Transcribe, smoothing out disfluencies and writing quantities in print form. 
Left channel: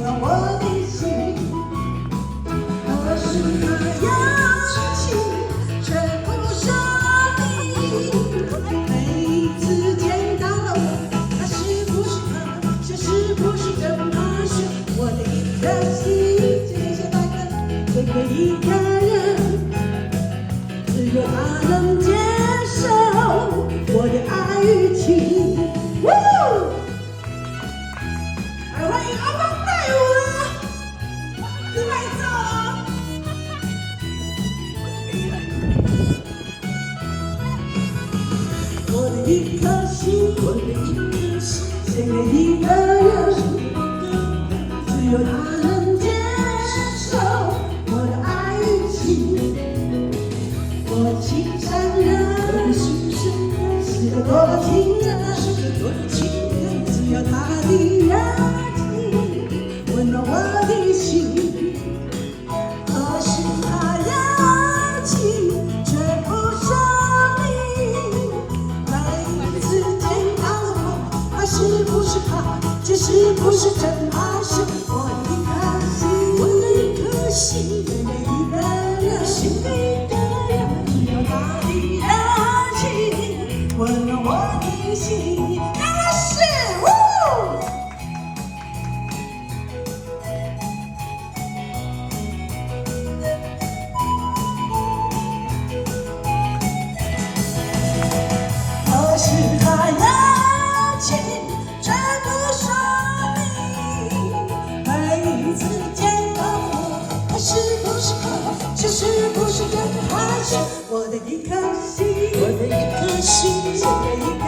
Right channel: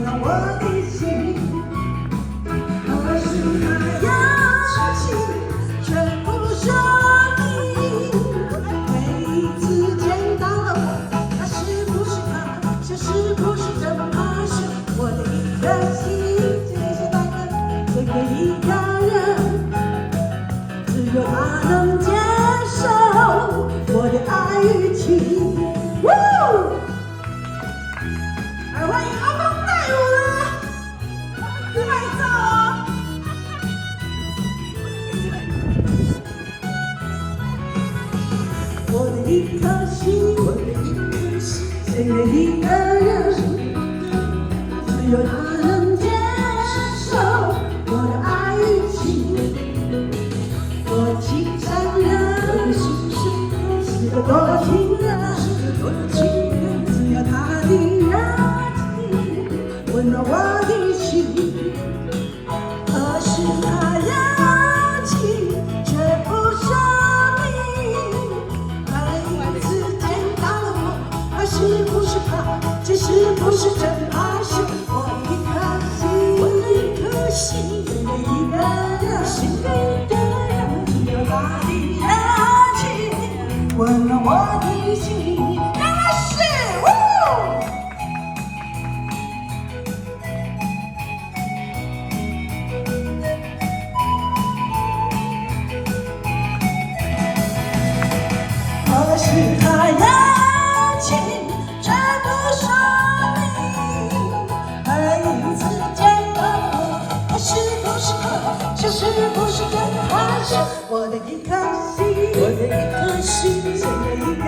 温暖我的心。可是那样情却不像你，每一次见到我，他是不是他，这是不是真怕是我的一颗心，只是单个这个一个人，只有他能接受我的爱与情。欢迎阿邦带我了，你拍照啊！我的一颗心，只有一个人，只有他能接受我的爱与情。我情伤人，是个多情人，只有他的人。温暖我的心，可是那样情却不说明。每一次见到我，他是不是他，这是不是真爱？是我的一颗心，只有一个人，只有他的热情，温暖我的心。那是是他样情却不说明，每一次见到我，他是不是他，这是不是真的他是我的一颗心，只有一个